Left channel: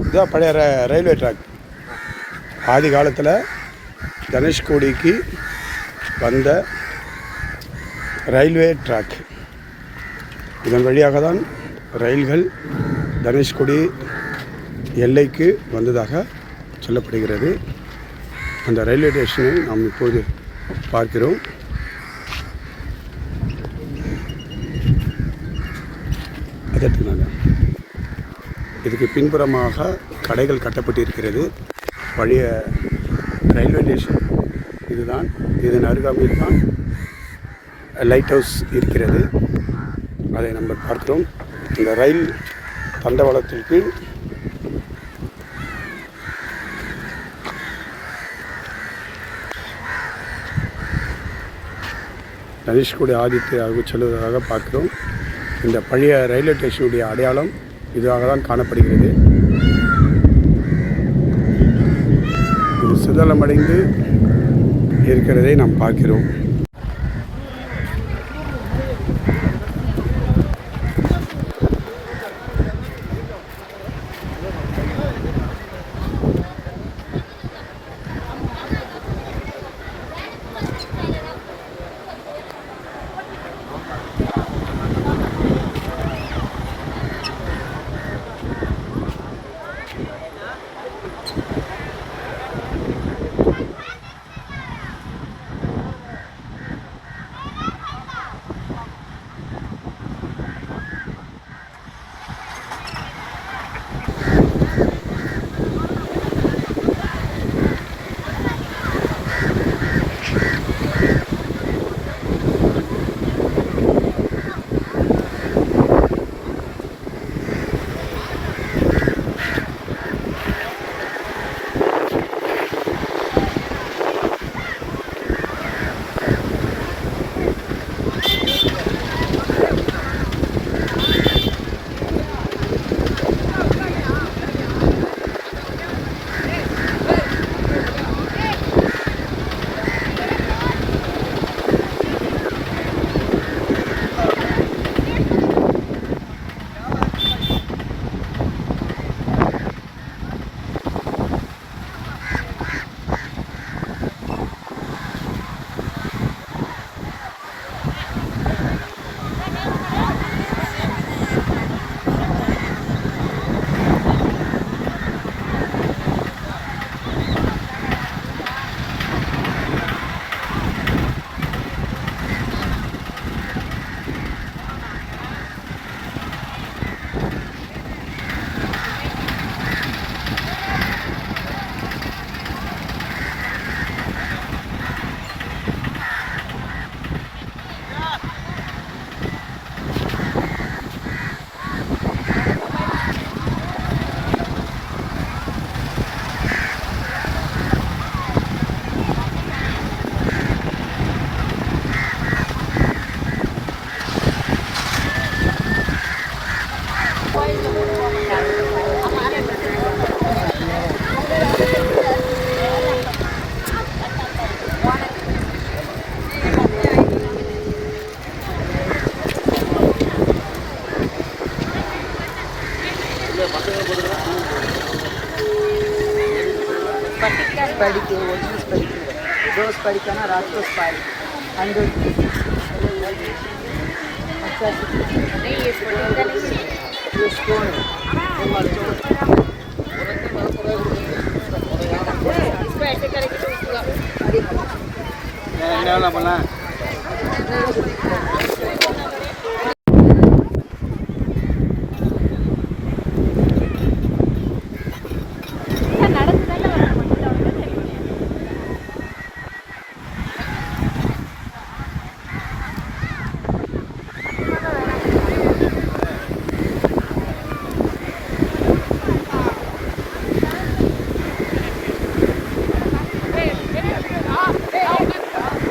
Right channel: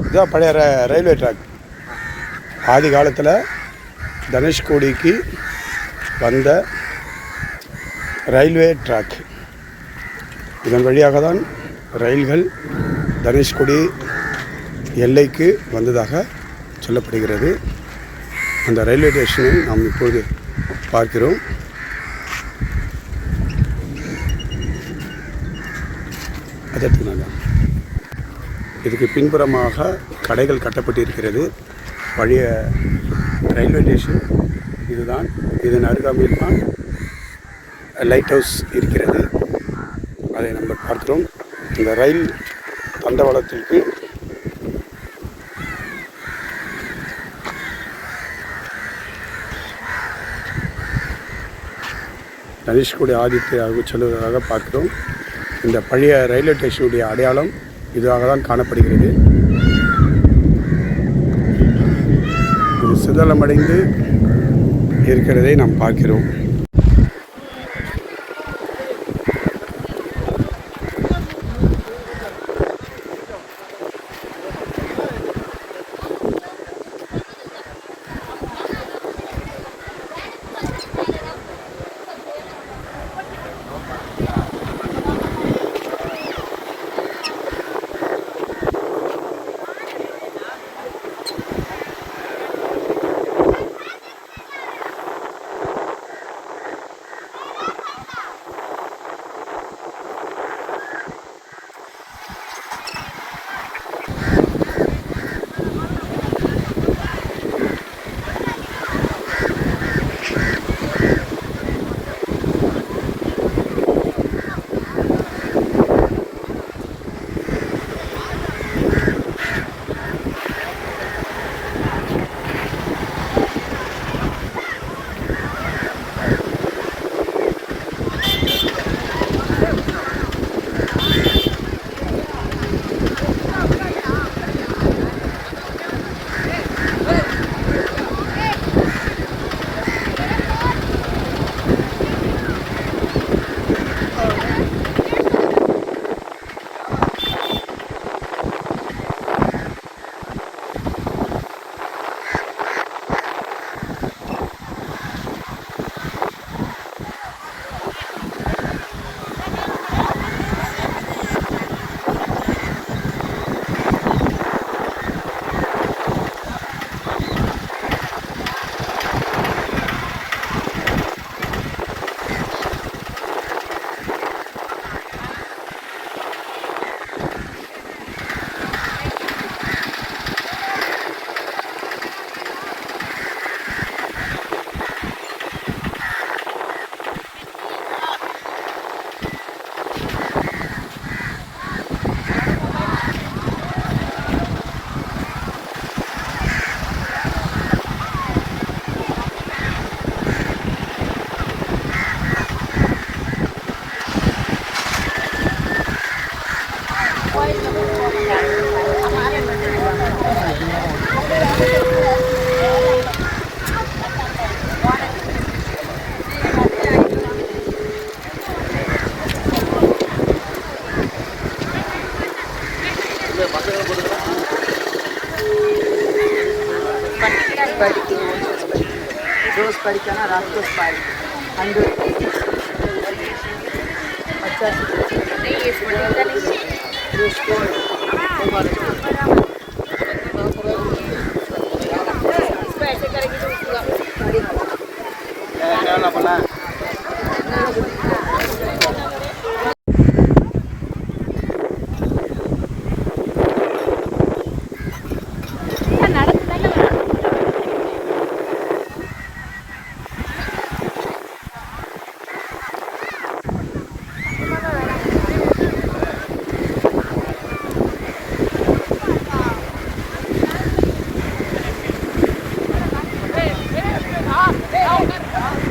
இதுதான் பழைய ர- ரயில்வே ட்ராக். ஆதி காலத்தில் தனுஷ்கோடிக்கு வந்த ரயில்வே ட்ராக். இதன் வழியாக தான் ரயில்கள் தனுஷ்கோடி எல்லைக்கு வந்ததாக சொல்லப்படுகிறது. அந்த ரயில்வே ஸ்டேஷனை நாம் இப்போது பார்க்கிறோம். அதை எடுத்துக்கலாங்க. இதுக்கு பின்புறமாக கடைகள் கட்டப்பட்டிருக்கிறது. பழைய ரயில்வே ஸ்டேஷன் இதுதான். இதன் அருகாமையில் தான் லைட் ஹவுஸ் இருக்கிறது. அதை நம்ம பார்க்கிறோம். இந்த ரயில் தண்டவாளத்திற்கு தனுஷ்கோடி ஆதித்யாவுக்கு செல்வதாக பார்க்கிறோம். இந்த பழைய ரயில்வே ஸ்டேஷனுடைய அடையாளம் இதுவாக தான் காணப்படுகிறது. இது சிதலமடைந்து இருக்கிறதை நாம் பார்க்கிறோம். படிக்கு ரோஸ் படிக்கு ரோஸ் படிக்கான ராக்கேஷ் பாடி அண்டு பண்ண Oh,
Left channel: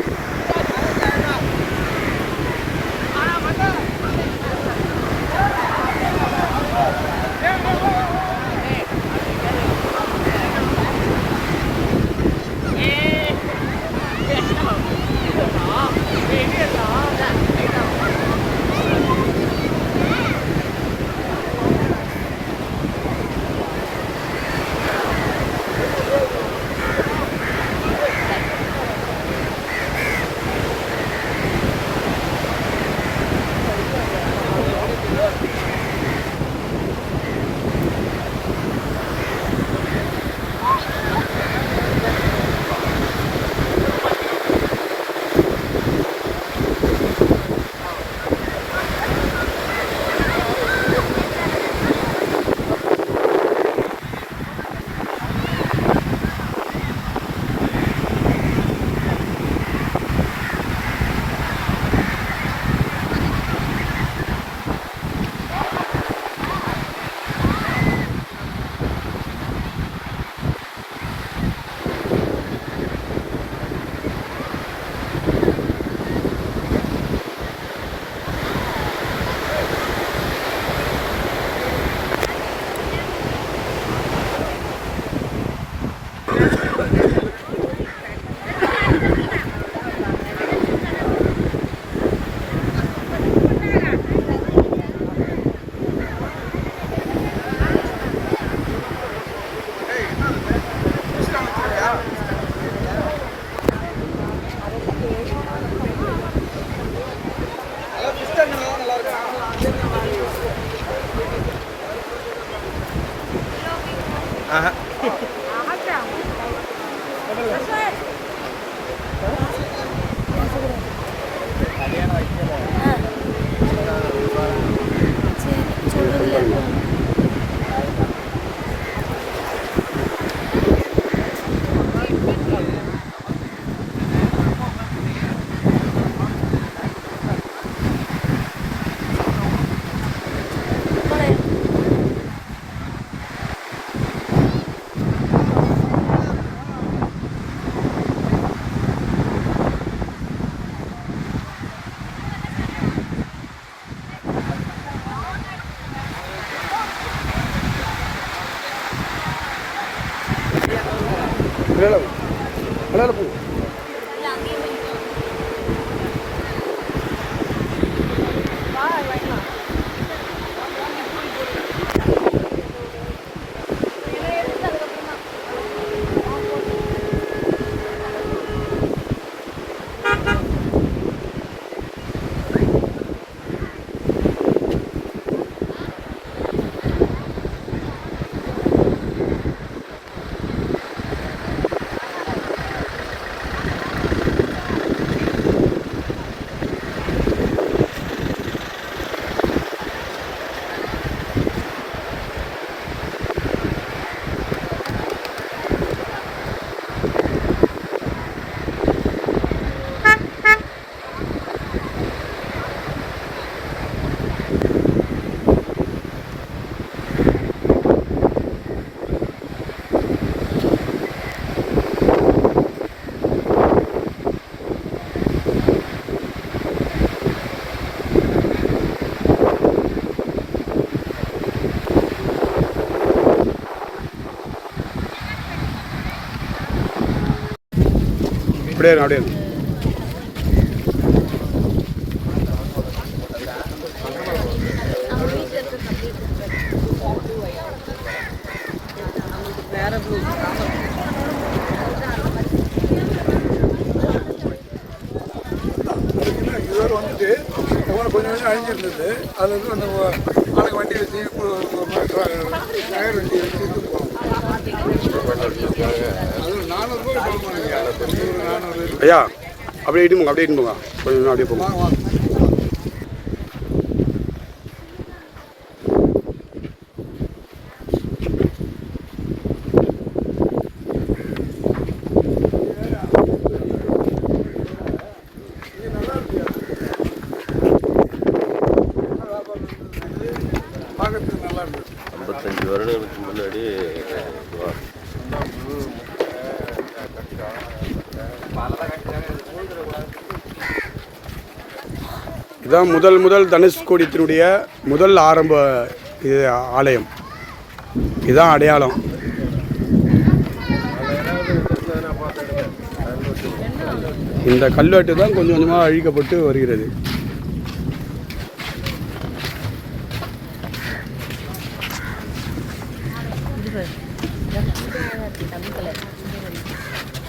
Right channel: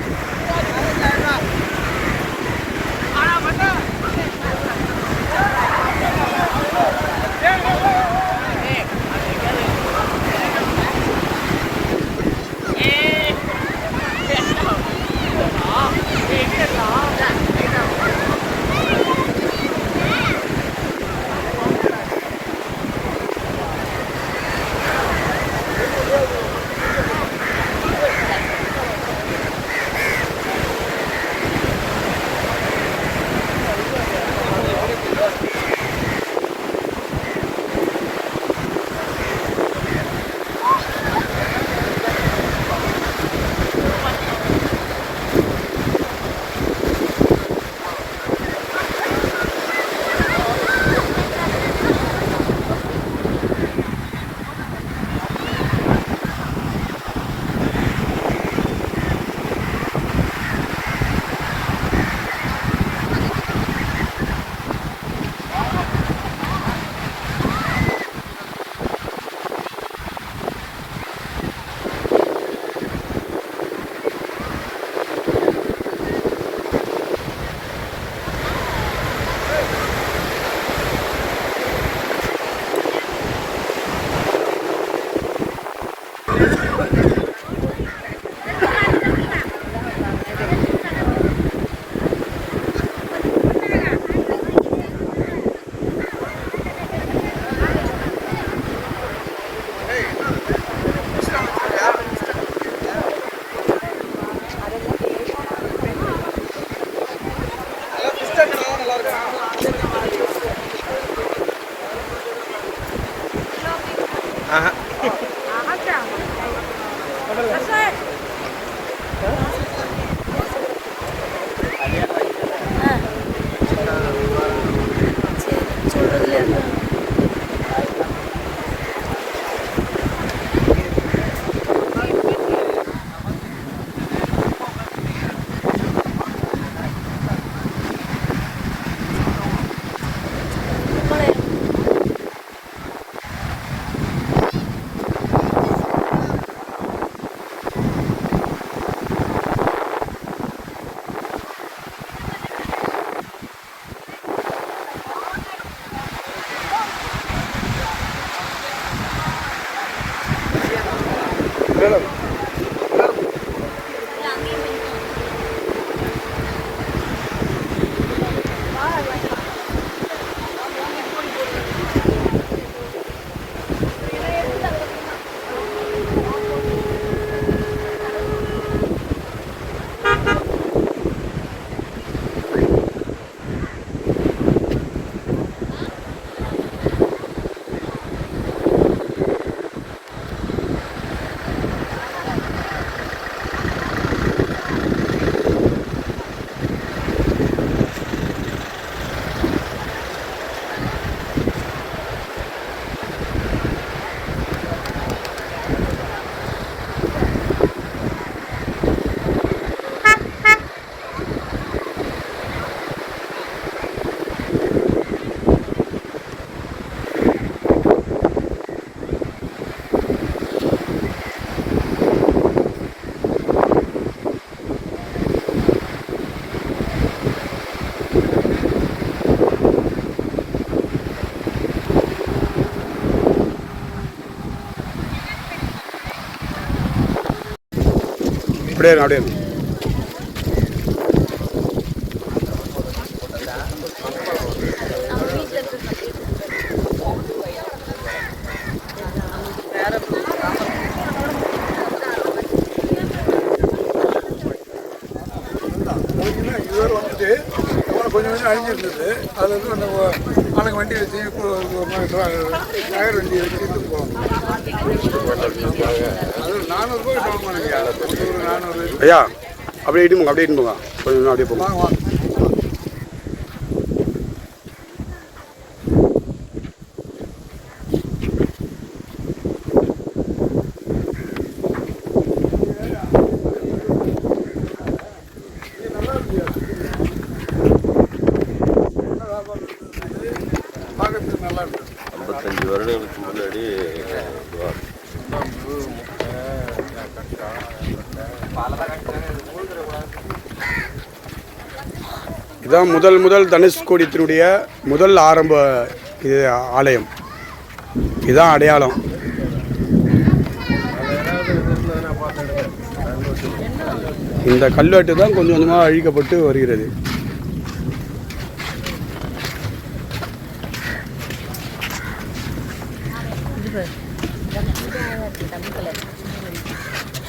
அப்படியே அப்படியே வந்துட்டு கொஞ்சம் கொஞ்சம் அழிஞ்சிருந்தது அதில் இருந்து அந்த ஆளுங்க வண்டி வச்சு டயர் வண்டி வச்சு போவாங்க ஐயா அப்படியே இட்டு போங்க அப்படியே இட்டு போங்க. கொஞ்சம் கொஞ்சம் அப்படியே போங்க இதுதான் முதல் முதல் தனுஷ்கோடித்தினுடைய முதல் ஆரம்ப இது ஆலயம் இதுதான் அடையாளம் இந்த கல்வெட்டு தான் கொஞ்சம் கொஞ்சமாக அழிக்கப்பட்டு வருகிறது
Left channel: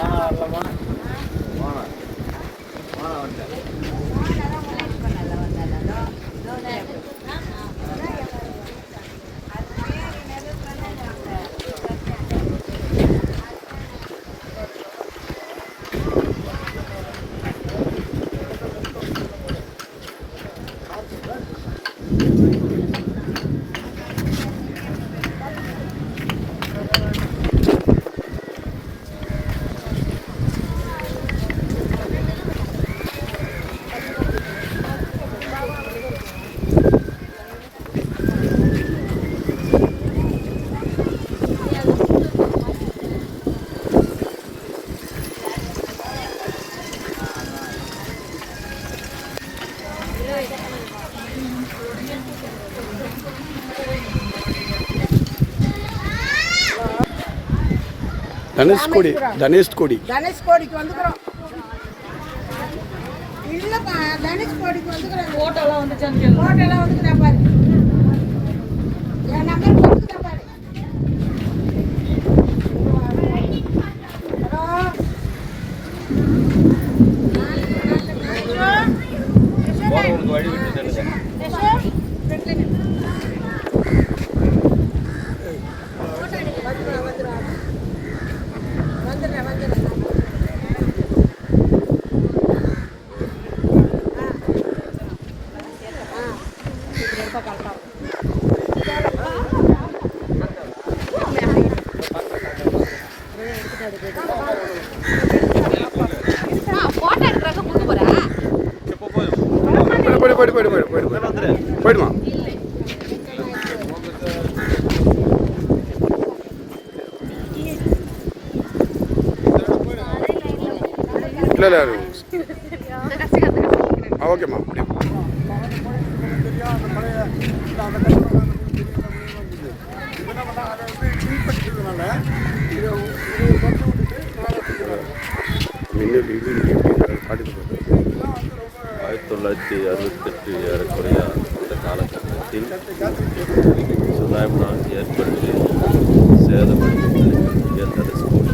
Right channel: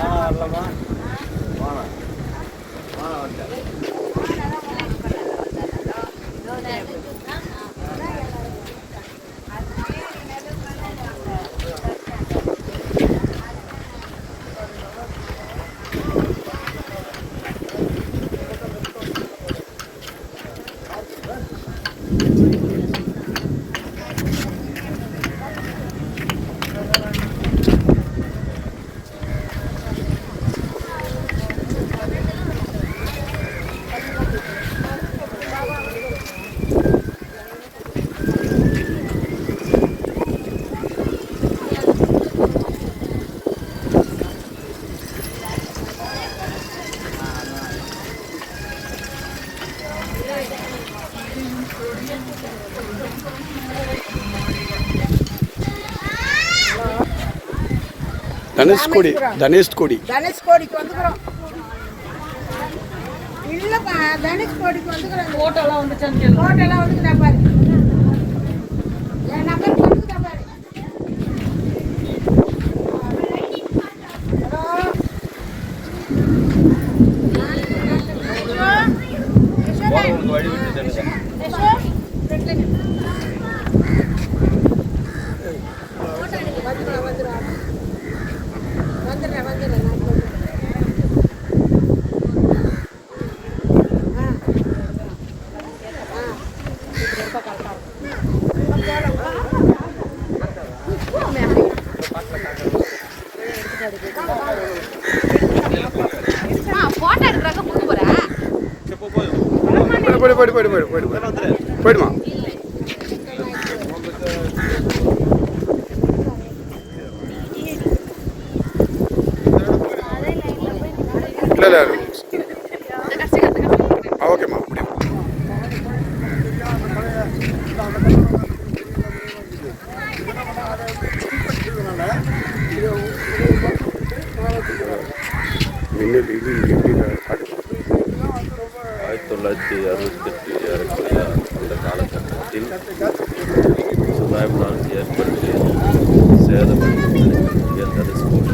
ஆ இல்லைம்மா தனுஷ்கோடி தனுஷ்கோடி. தனுஷ்கோடிக்கு வந்துக்கிறோம். இல்லைப்பா தனுஷ்கோடிக்கு வந்துக்கிறோம். ஓட்டெல்லாம் வந்துச்சு ஓட்டெல்லாம் வந்துக்கிறாங்க பாரு. என் நம்பர் போயிடு போயிடு போயிடு போயிடு போயிடு போயிடுமா இல்லை இல்லை ஆ ஓகேம்மா முடியும் மின்னல் இது எப்படி நான் பாடுறேன் தொள்ளாயிரத்தி அறுபத்தெட்டு ஏறக்குறைய அந்த காலகட்டத்தில் சுனாமினால் ஏற்பட்டு சேதம் தனுசு